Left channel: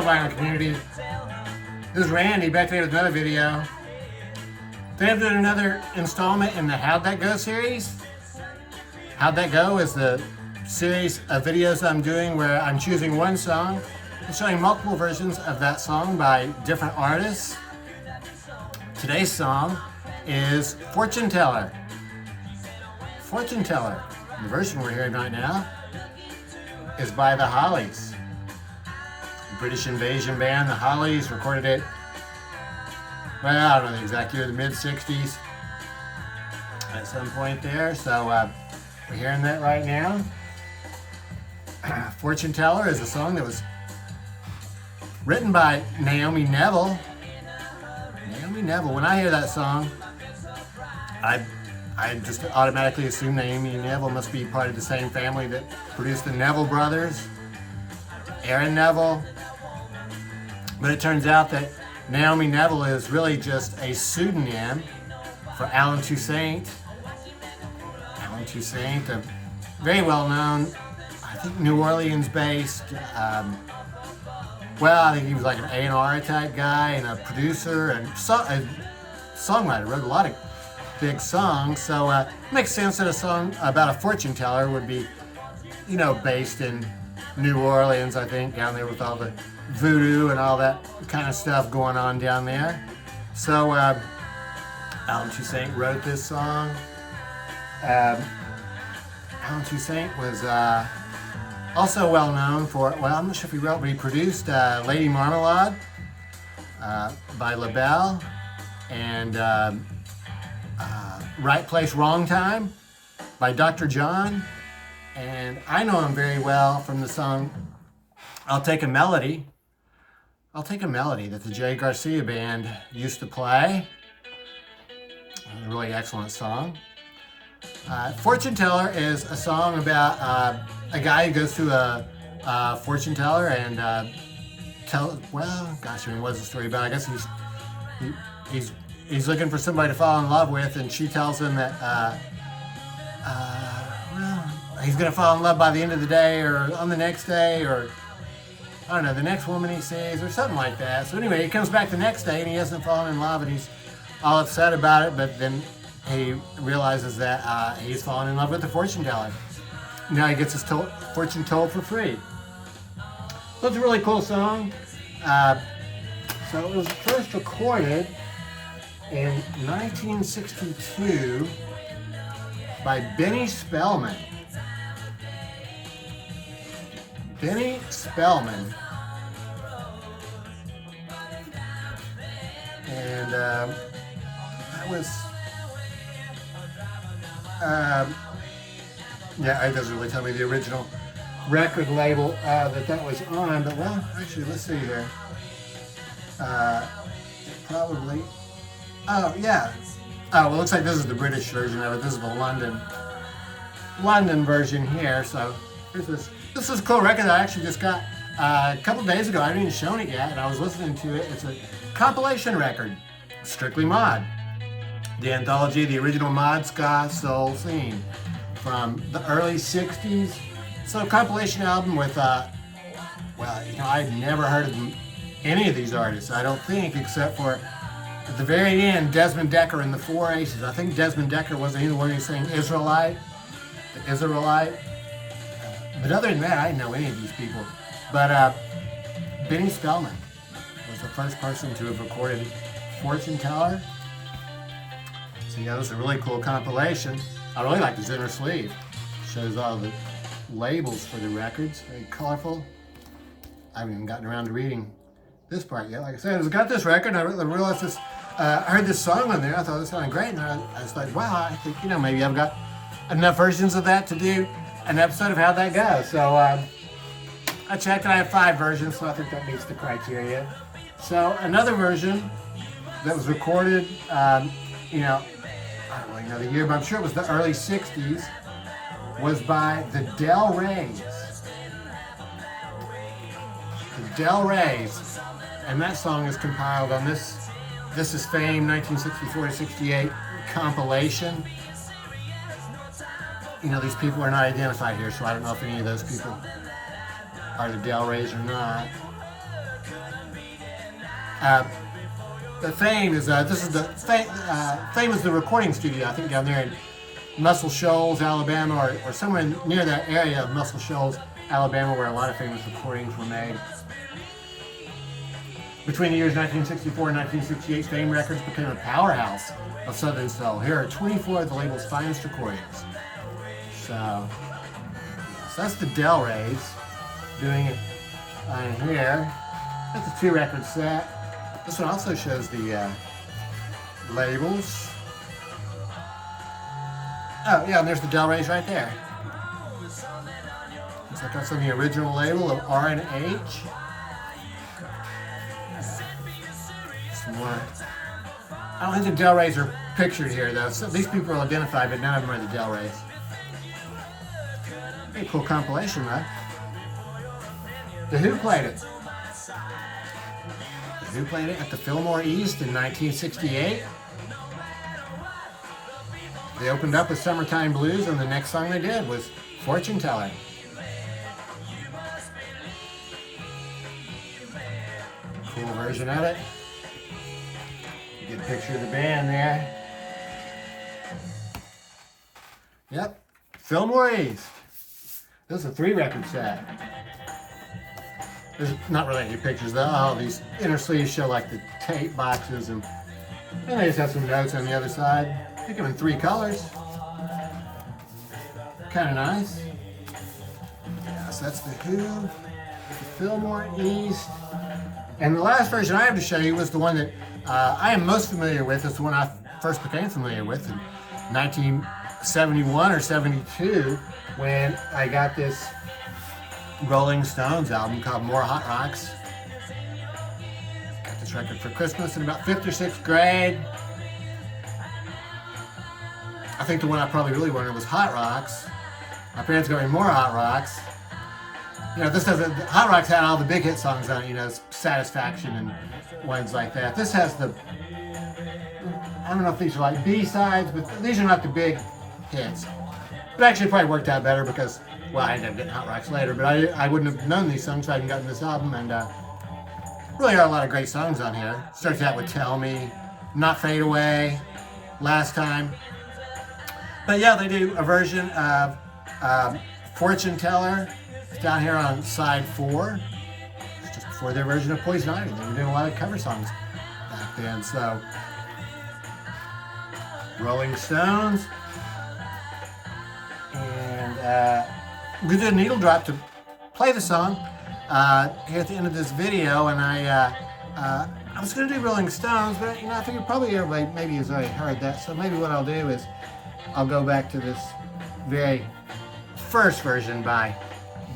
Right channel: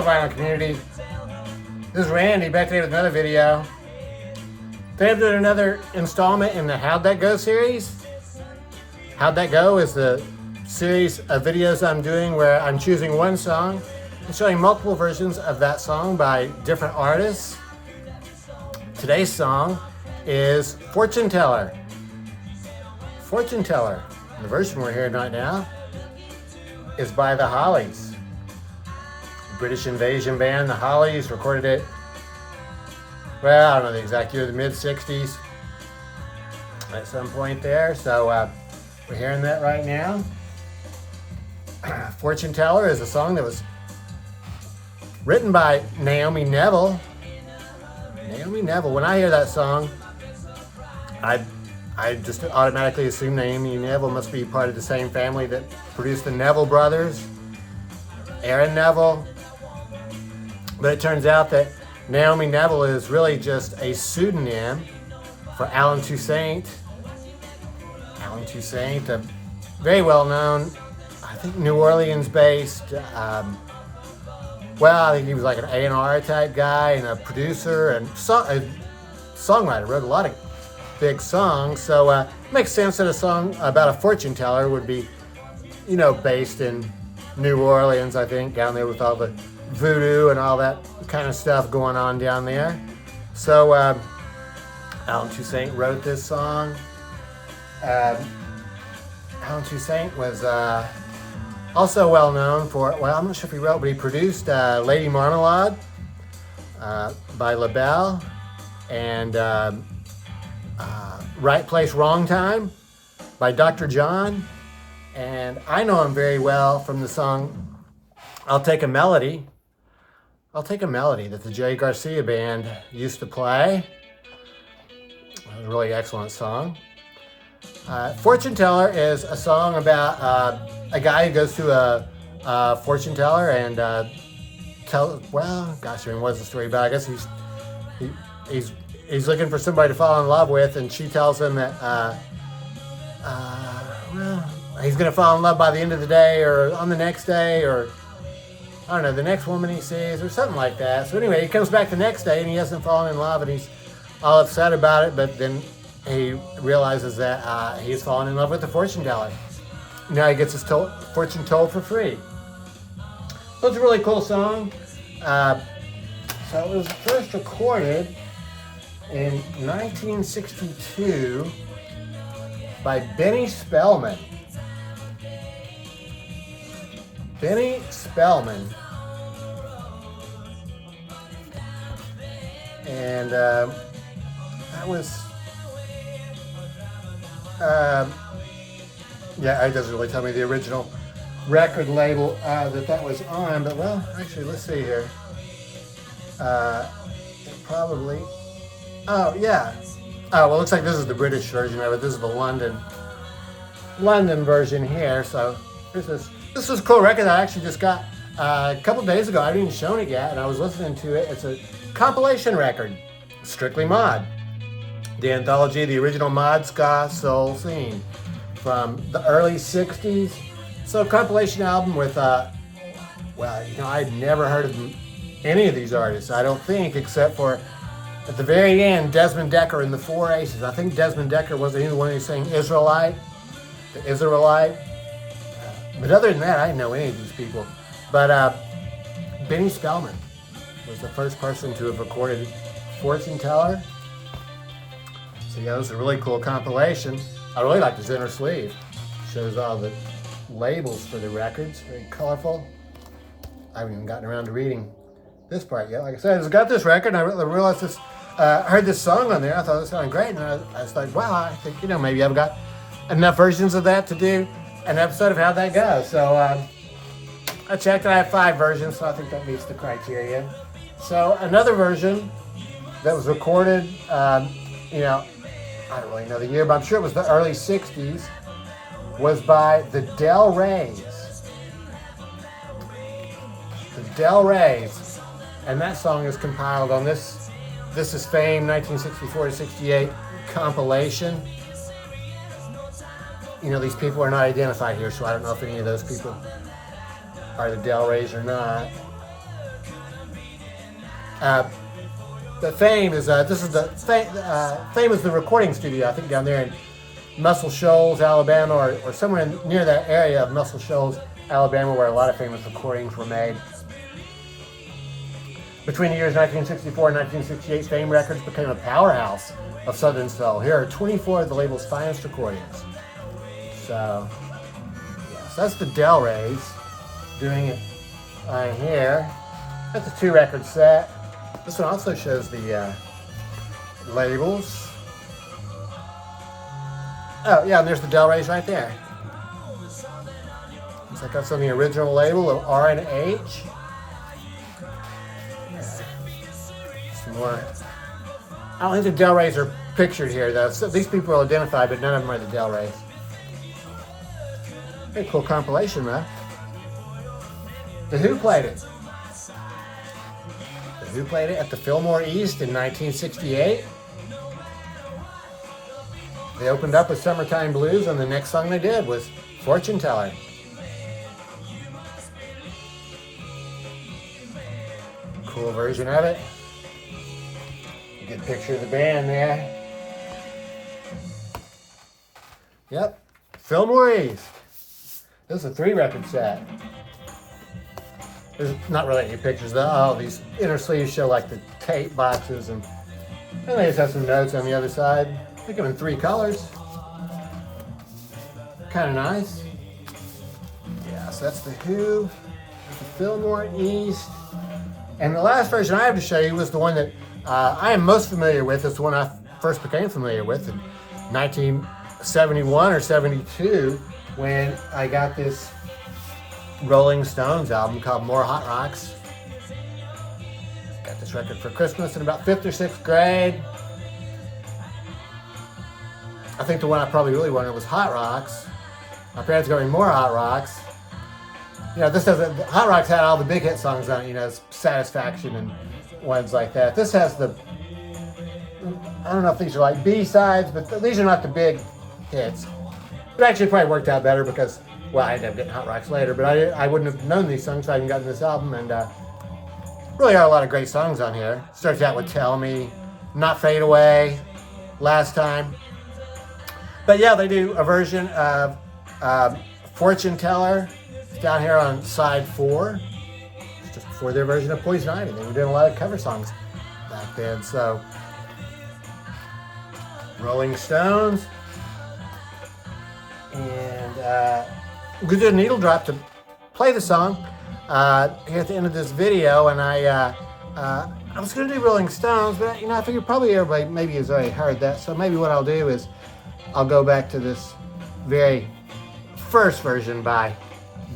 Hello, vinyl community. This is Randy back today with another video. Today I'm doing another installment in the How'd That Go series. How'd That Go is the series of videos I'm doing where I'm choosing one song and showing multiple versions of that song by different artists. Today's song is Fortune Teller. Fortune Teller, the version we're hearing right now, is by the Hollies. British invasion band, the Hollies, recorded it, well, I don't know the exact year, the mid-60s at some point there. So we're hearing that right now. Fortune Teller is a song that was written by Naomi Neville. Naomi Neville. When I hear that song, I just automatically assume Naomi Neville must be part of the same family that produced the Neville brothers, Aaron Neville. But it turns out that Naomi Neville is really just a pseudonym for Alan Toussaint. Alan Toussaint, a very well-known, I think New Orleans-based, well, I think he was like an A&R type guy and a producer and a songwriter, wrote a lot of big songs. So it makes sense that a song about a fortune teller would be, you know, based in New Orleans, I think, down there with all the voodoo and all that kind of stuff going on down there. So Alan Toussaint wrote this song. Alan Toussaint was also well known for, well, I'm not sure if he wrote, but he produced Lady Marmalade by LaBelle and Right Place, Wrong Time by Dr. John. And I know him very well from the song I'll Take a Melody. I'll Take a Melody that the Jerry Garcia band used to play. A really excellent song. Fortune Teller is a song about a guy who goes to a fortune teller and well, gosh, I mean, what's the story about? I guess he's looking for somebody to fall in love with, and she tells him that well, he's gonna fall in love by the end of the day or on the next day, or I don't know, the next woman he sees or something like that. So anyway, he comes back the next day and he hasn't fallen in love and he's all upset about it, but then he realizes that he's fallen in love with the fortune teller. Now he gets his fortune told for free. So it's a really cool song. So it was first recorded in 1962 by Benny Spellman. Benny Spellman. And that was, yeah, it doesn't really tell me the original record label that was on, but well, actually, let's see here. It probably, oh, yeah. Oh, well, it looks like this is the British version of it. This is the London version here. So here's this. This is a cool record that I actually just got a couple days ago. I haven't even shown it yet, and I was listening to it. It's a compilation record, Strictly Mod. The anthology, the original mod ska soul scene from the early 60s. So a compilation album with, well, you know, I'd never heard of any of these artists, I don't think, except for at the very end, Desmond Decker and the Four Aces. I think Desmond Decker wasn't he the one who sang Israelite, the Israelite. But other than that, I didn't know any of these people. But Benny Spellman was the first person to have recorded Fortune Teller. So yeah, it was a really cool compilation. I really like this inner sleeve. Shows all the labels for the records, very colorful. I haven't even gotten around to reading this part yet. Like I said, I just got this record and I realized this, heard this song on there. I thought it was sounding great, and I was like, wow, I think, you know, maybe I've got enough versions of that to do an episode of How'd That Go. So I checked and I have 5 versions, so I think that meets the criteria. So another version that was recorded, you know, I don't really know the year, but I'm sure it was the early 60s, was by the Del Reys. The Del Reys. And that song is compiled on this is Fame 1964 to 68 compilation. You know, these people are not identified here, so I don't know if any of those people are the Del Reys or not. The Fame is this is the Fame is the recording studio, I think, down there in Muscle Shoals, Alabama, or somewhere near that area of Muscle Shoals, Alabama, where a lot of famous recordings were made. Between the years 1964 and 1968, Fame Records became a powerhouse of Southern soul. Here are 24 of the label's finest recordings. So, yes, that's the Del Reys doing it on here. That's a 2-record set. This one also shows the labels. Oh, yeah, and there's the Del Reys right there. Looks like that's on the original label of R and H. Some more. I don't think the Del Reys are pictured here, though. So these people are identified, but none of them are the Del Reys. Very cool compilation, though. The Who played it. The Who played it at the Fillmore East in 1968. They opened up with Summertime Blues, and the next song they did was Fortune Teller. Cool version of it. Good picture of the band there. Yep, Fillmore East. This is a 3-record set. There's not really any pictures though. Oh, these inner sleeves show like the tape boxes, and they just have some notes on the other side. I think I'm in 3 colors. Kind of nice. Yeah, so that's the Who, the Fillmore East. And the last version I have to show you was the one that I am most familiar with. It's the one I first became familiar with in 1971 or 72 when I got this Rolling Stones album called More Hot Rocks. Got this record for Christmas in about 5th or 6th grade. I think the one I probably really wanted was Hot Rocks. My parents got me More Hot Rocks. You know, this doesn't. Hot Rocks had all the big hit songs on it, you know, Satisfaction and ones like that. This has the, I don't know if these are like B-sides, but these are not the big hits. It actually probably worked out better because, well, I ended up getting Hot Rocks later, but I wouldn't have known these songs if I hadn't gotten this album, and really are a lot of great songs on here. Starts out with Tell Me, Not Fade Away, Last Time. But yeah, they do a version of Fortune Teller. It's down here on side 4. It's just before their version of Poison Ivy. They were doing a lot of cover songs back then. So, Rolling Stones. And we did a needle drop to play the song here at the end of this video. And I was going to do Rolling Stones, but you know, I figured probably everybody maybe has already heard that. So maybe what I'll do is I'll go back to this very first version by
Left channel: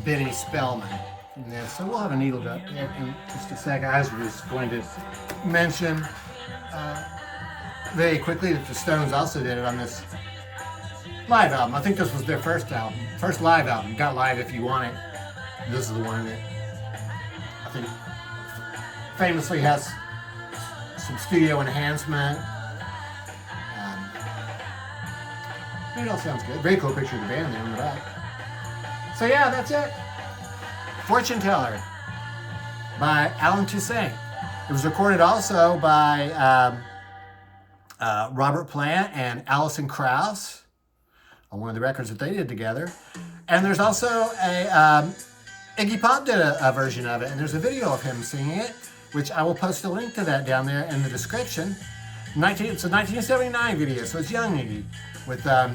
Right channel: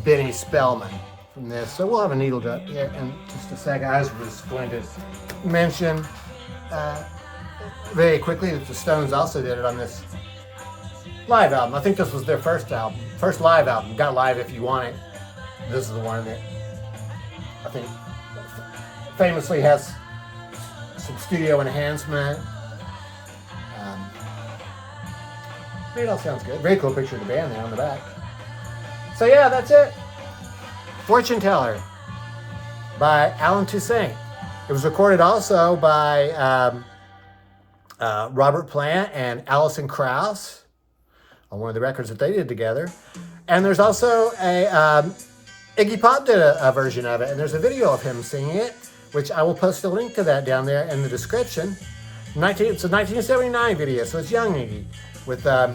Benny Spellman from this. So we'll have a needle drop here in just a second. I was just going to mention very quickly that the Stones also did it on this live album. I think this was their first live album. Got Live If You Want It. This is the one that I think famously has some studio enhancement. It all sounds good. Very cool picture of the band there on the back. So yeah, that's it. Fortune Teller by Alan Toussaint. It was recorded also by Robert Plant and Alison Krauss on one of the records that they did together. And there's also a Iggy Pop did a version of it, and there's a video of him singing it, which I will post a link to that down there in the description. It's a 1979 video, so it's young Iggy with I'm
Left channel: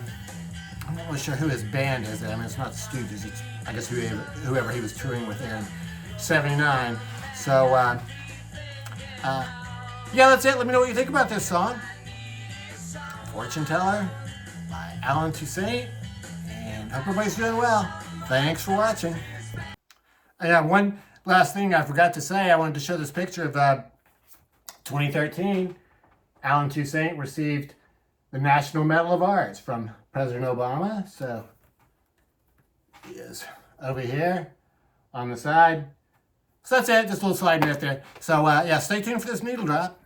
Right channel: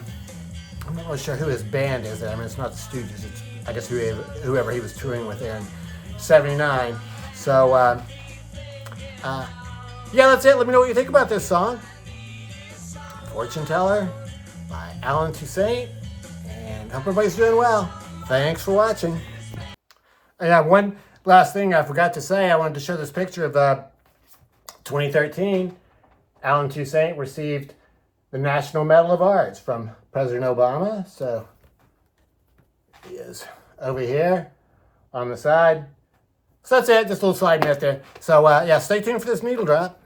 not really sure who his band is. I mean, it's not the Stooges. It's, I guess, whoever he was touring with there in '79. So yeah, that's it. Let me know what you think about this song, Fortune Teller by Alan Toussaint, and hope everybody's doing well. Thanks for watching. Yeah, one last thing I forgot to say. I wanted to show this picture of 2013. Alan Toussaint received the National Medal of Arts from President Obama. So he is over here on the side. So that's it, just a little slide note there. So yeah, stay tuned for this needle drop.